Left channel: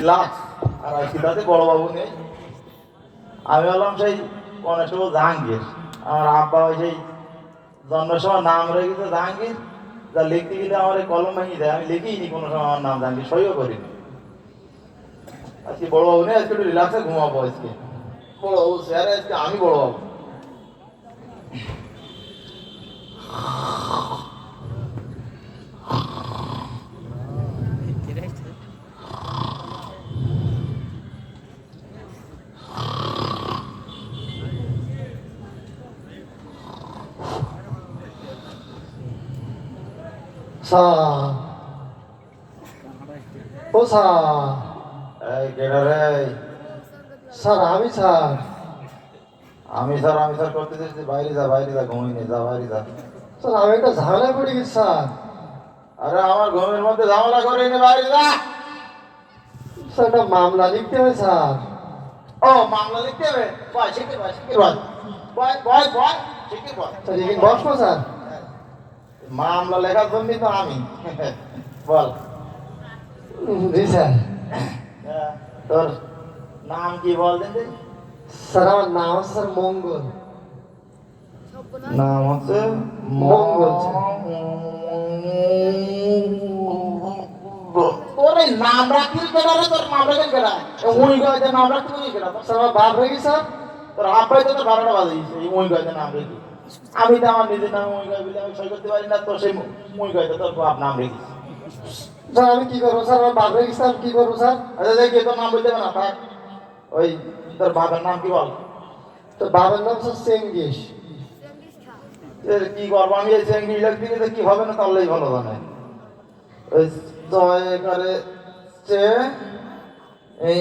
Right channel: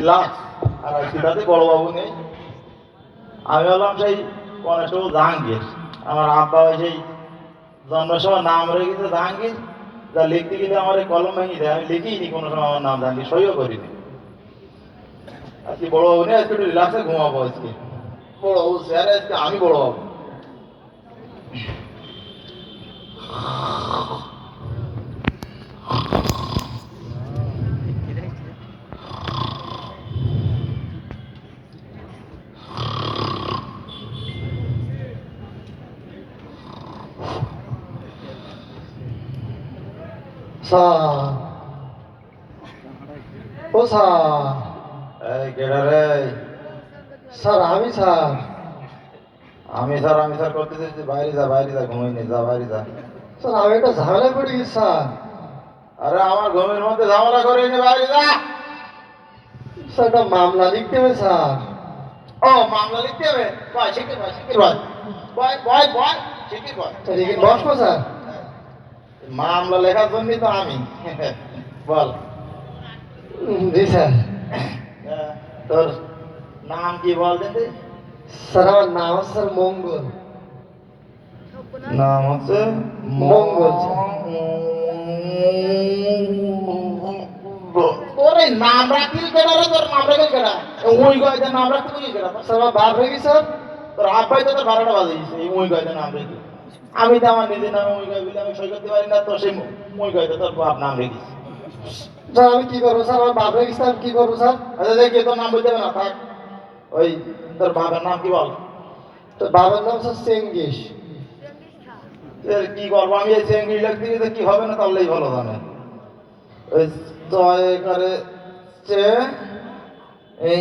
Relax আর সিদ্ধাতে বড়বাবু নেই। আমি হলাম সেই কনস্টেবল জাহাঙ্গীর। আমার আব্বা সেই জন্মের সময় নাম রয়ে গেছে জাহাঙ্গীর। যা লিখতে গেলে আমার কলম ভেঙে দেয়। আমি লিখিনি কোনো সময় আমার নাম জাহাঙ্গীর, সইও করিনি। আজকে বড় বাবু নেই, আজকে একটু রিল্যাক্সে ঘুমাবো আজকে। বড় বাবু স্যার আজকে আমি বড় বাবু স্যার ও স্যার এই কেডা রে স্যার আমি স্যার আমি স্যার আমি স্যার করতে চাইছি বাইরে যা বাইরে যা ঘুমিয়ে নে যা বাইরে যা স্যার আমি একটা ঝামেলায় পড়ে গেছি স্যার আরে আমার ঘুমের মধ্যে ঝামেলা করে নে বাইরে যা স্যার একটা মামলা লিখতে হবে স্যার ও মামলা লিখতে হবে বয় শিখে বয় শিখে বয় বয় বয় বয় শিখে বয় স্যার বসবো স্যার মামলা লেখার জন্যই তো আমি। বল। জি স্যার। তোর নাম কি বল স্যার আমার নাম স্যার মঙ্গল। নাম হচ্ছে মঙ্গল। তোর এই নাম রাখবি রে? তোর নাম রাখবি কেডা ওই গাইতে নাম তুই কেডা স্যার আমার বাপ হয়ে গেছে স্যার। তোর আব্বাই তো তোর বারোটা বাজিয়েছে এই মুই গাইতে নাম রেখে। আমি তো আমার নিজের নামে মুই গাই বলে আমি সই করতে পারি না তো সেই মুই গাইতে তোর বাপ নাম রেখেছি স্যার আমি কি করব? স্যার আমার বাপ স্যার কি করব স্যার? আচ্ছা দেখি তোর নাম বলতে না থাক। ওই তোর বাবার নাম কি বল? তো বাবার নাম স্যার চেঙ্গিস। এর কি করব? আমি এই চেঙ্গি লিখতে গেলে কি হবে না তাহলেই ভালো জানে। ওই ছয় করে চে এই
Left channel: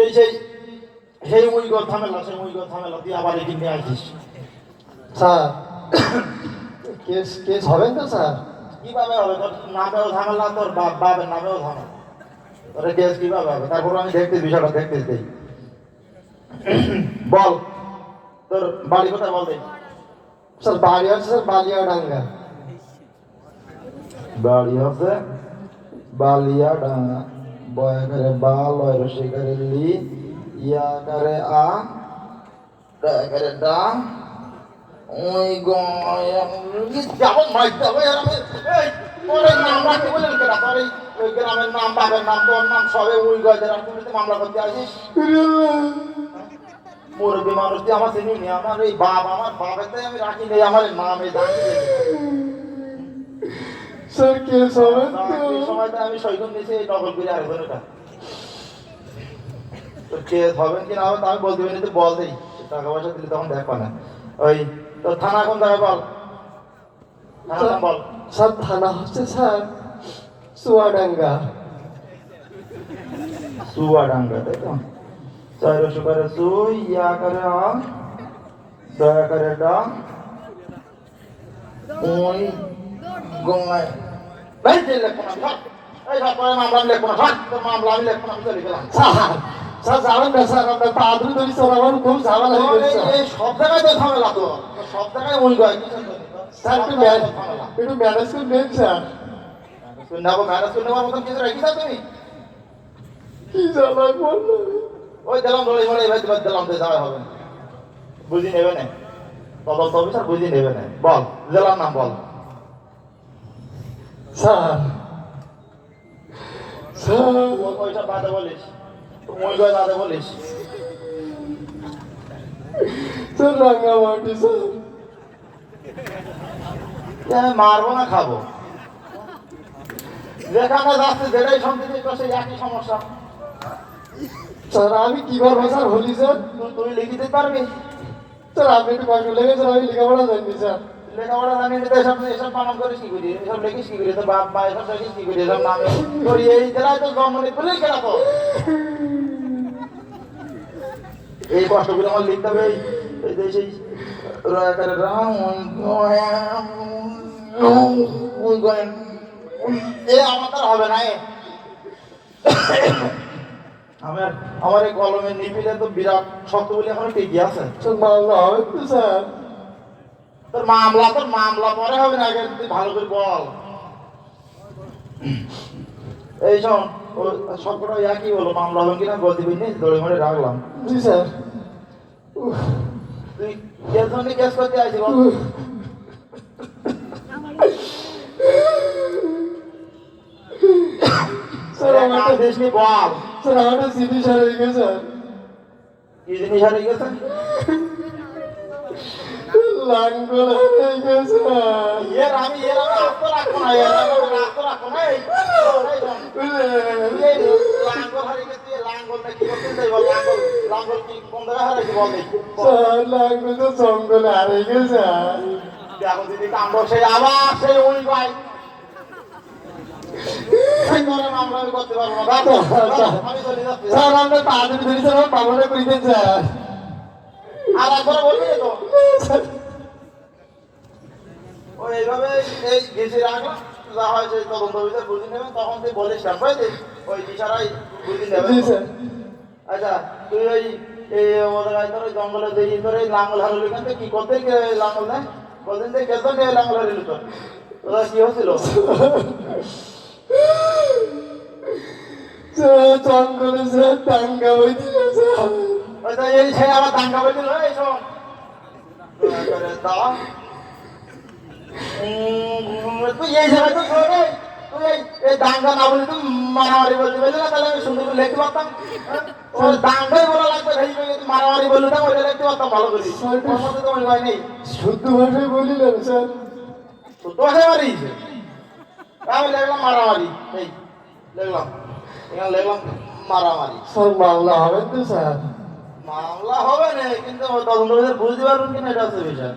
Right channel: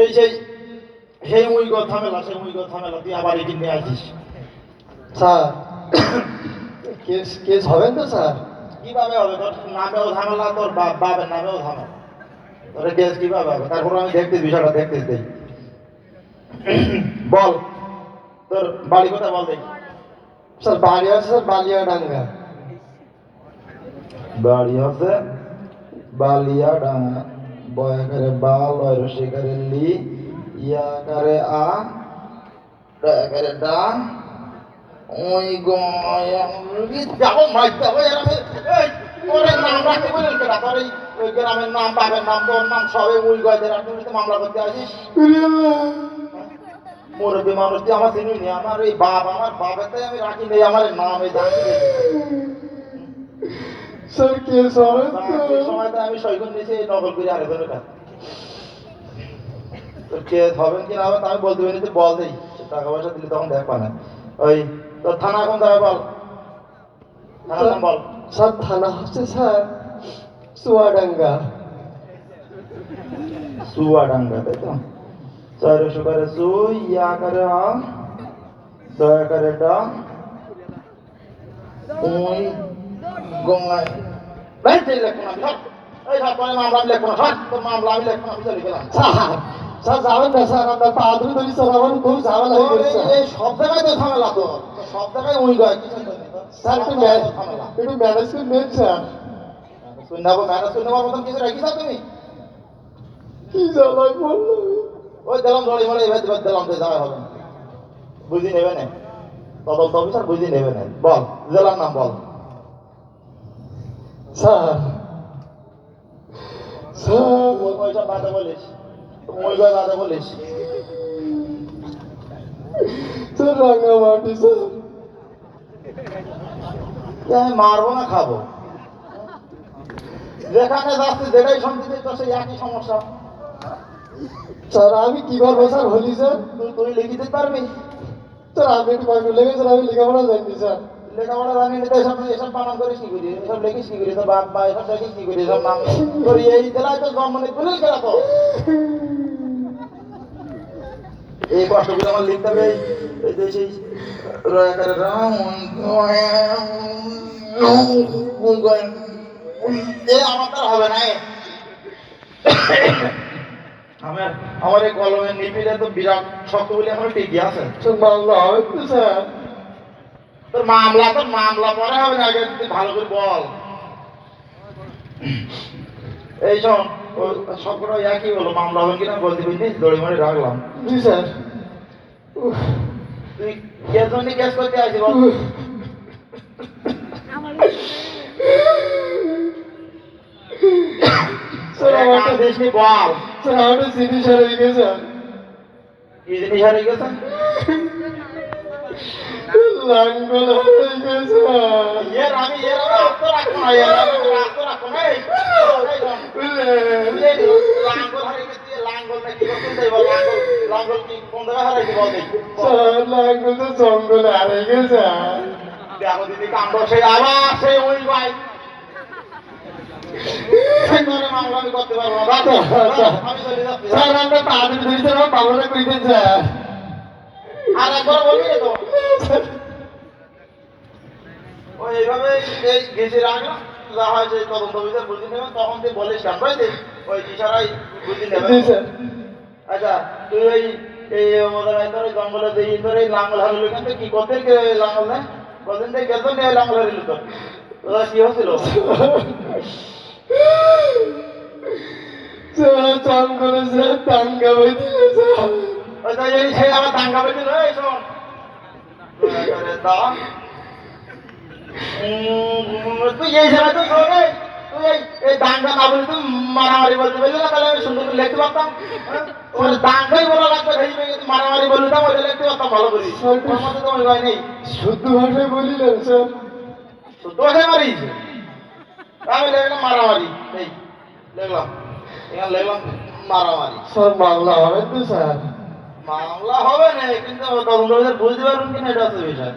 এই সেই সেই মুই গো থামেলা সেই মুই গো থামেলা তুই আবার এদিন নিয়ে আসিস। স্যার কেস কেস হবেন তো স্যার? কীভাবে হবে? তোর নামেও ঝামেলা তোর বাপ বাপের নামেও ঝামেলা। তোর কেস কীভাবে হবে? তারপর আমি দেখতে বিষয়টা দেখতে দেই। বল তোর বাড়ি কোথায় বল দেই স্যার বাড়ি আছে স্যার বালিয়াডাঙ্গা। বাড়ি হচ্ছে বালিয়া ডাঙা বয় করে বা লয় রসি করে লি, ইয়া করে আ ডা করে ডা ওই গ্রামের নাম বাবার নাম, তোর নাম, সবে ওই আর তুমি তো মামলা করতে আসিস। মুরব্বী মানুষ দিয়ে আমার চিনি আমার এই বাপ, আমার বাবাতে আমি রাখি নেই, আমার নামে স্যার হবেন এই সময়টা আমি সৈকত নিয়েছি নকল করে আরেকজন এটা তোর কেস হবেন কি না হবে তা আমি বলতে পারি তুই বল দেই টাকা পয়সা দিলে তখন দেখ পানা। ওই তোর থানা কোন জায়গায় বল? বল? স্যার থানা হচ্ছে স্যার চুয়াডাঙ্গা চুয়াডাঙ্গা তাই তো? ছয়শো করে চু ইয়া করে আ দয়া করে ডা ওই গঙ্গায় এই যে লেখো না ধর এই ধর তোর মামলা আমি লেখো না ধর তোর মামলা আমি লেখো না চলে গেলাম স্যার স্যার যাবেন না স্যার আপনার পা ধরি স্যার আমার খুব ঝামেলা হয়ে গেছে। এই সব জায়গায় তো ঝামেলা তো। সব জায়গায় ওই গায়। স্যার একটু ম্যানেজ একটু ম্যানেজ করে নেন স্যার। শুনে যাব ম্যানেজ শুনে যাব মতন কিছু রাখিস না তুমি? কি জ্বালায় বলল? ওই দিলাম বলে এবার এবার দিলাম তো যাওয়া হবে। বুঝি নেবে না? তদন্ত অফিসার বুঝি নেবে না। বল জেলার নাম বল। স্যার। Sir sir sir. মারবো না, খাব। যেখানে যাচ্ছে, যেটাই শুনতে তো সেই একই সমস্যা। স্যার, আমি কি করব স্যার হলি, স্যার? তুই তুই লিখে দিতে পারবি? স্যার, আপনি একটু কষ্ট লেগেছেন আমি লেখাপড়া জানি স্যার। লেখাপড়া এসব এসব করি করি তোর বাপ এই জেলায় তো তো এই কষ্টগুলো আমার লিখতে হবে এই- এ আমার তো হবে না। আমার এই কলমের নিপিলে তো বিরাট শক্ত বলে এখন টিকি আছে মামলা হবে তো স্যার তোর মামলা তোর মামলা পরে হবে না আগে ভালো করে বল। এই শোন সবকটা একই হলো মামলা হবে কিনা বলতে পারিনি দড়ি মরে রাখলাম। জি স্যার। তুই কেস মানে কেস করতে আসি বল। স্যার আমারটা দেশ বল। স্যার আমারটা জিনিস হারিয়ে গেছে স্যার। কি জিনিস গেছে? লাঙ্গল না না তো জঙ্গল গেছে ওই ভাই করতে পারব না আমি আমরা পাঁচ ধরি স্যার আমার পাবনা কইতেন স্যার আর একবার বলবি তো ও এইভাবে এই গেছে রাখ যা হয় সেই তদন্ত বুঝে নেবে তখন তুই বলিস কেন বুঝলি ওই ইশারাই বুঝে নেবে আচ্ছা তুই ওই এই আমাদের তোর ওই জঙ্গলে দিয়ে তোর এই লাঙ্গল হারিলি কেন কি করতে লাঙ্গল না কদিন থেকে গেছো নিয়ে লাঙ্গল হারিলি তো ওরা কি হচ্ছিল? জঙ্গলে স্যার টাঙ্গা স্যার। তুই এই না বলে মারামারি। বলতে না তাহলে আমি সুন্দর লিখতে পারতাম দাঙ্গাই বলা লাগবে সেই মারামারি না লিখতে পারতাম ভালো করে শুদ্ধ ভাষায় বলিলেন স্যার শুদ্ধ ভাষায় আমি লিখলাম মারামারি এই লিখলাম এখানে লিখলাম মারামারি স্যার মামলা হবেন তো, স্যার। মামলা হবে না কিন্তু তদন্ত বিভাগ বুঝতে পারবেন কিনা এটা হচ্ছে বিষয়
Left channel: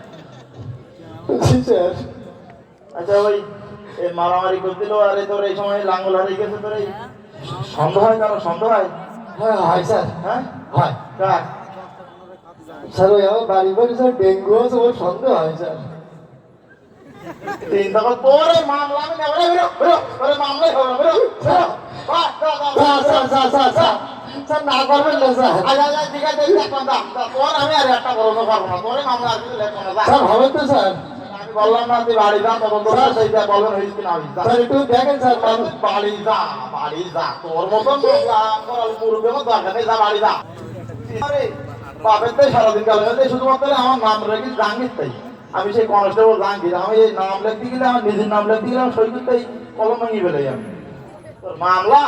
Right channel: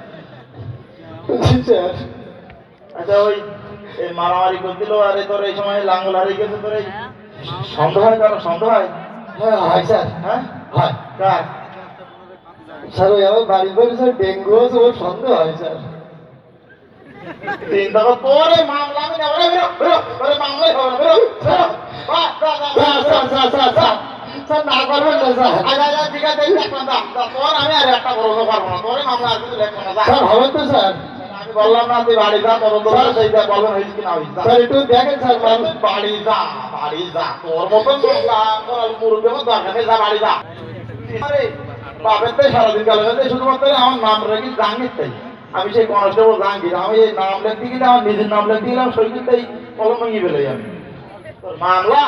স্যার আচ্ছা ওই এই মারামারি করছিল আরে তোর এই সময় লাঙ্গল হারিয়ে গেছে তোর এই সন্দেহ হয় কারও সন্দেহ হয় হ্যাঁ হয় স্যার হ্যাঁ হয় কার স্যার ওই আমার বাড়ি স্যার ডেঙ্গু আছে ওর সন্দেহ হয় স্যার তোর মামলা আমি নেব রে বেরো বেরো তোর হবে না স্যার স্যার না ঠিক আছে যা, তোর আমি আর একটা বলতে পারব না। তোর মামলা। স্যার হবে তো স্যার। আমি বললাম না তুই বাড়ি যা তদন্ত করে সেইটা বলবেন হয়েছে কিনা হয়েছে স্যার একটু দেখেন স্যার বাড়ি যা বাড়ি যা তোর মতন মতো দরকার নেই যা বাড়ি যা। আরে বাপের তাই সারাদিন গেল। তাই শুধুমাত্র আমার নাম রেখে জাঙ্গির তাই। আমি সেই কনস্টেবল জাঙ্গির আমি এই নাম লিখতে গেলে আমার নিজের নাম লিখতে গেলে আমি সৈকির তাই কলম ভেঙে ফেলে আমি তোর মামলা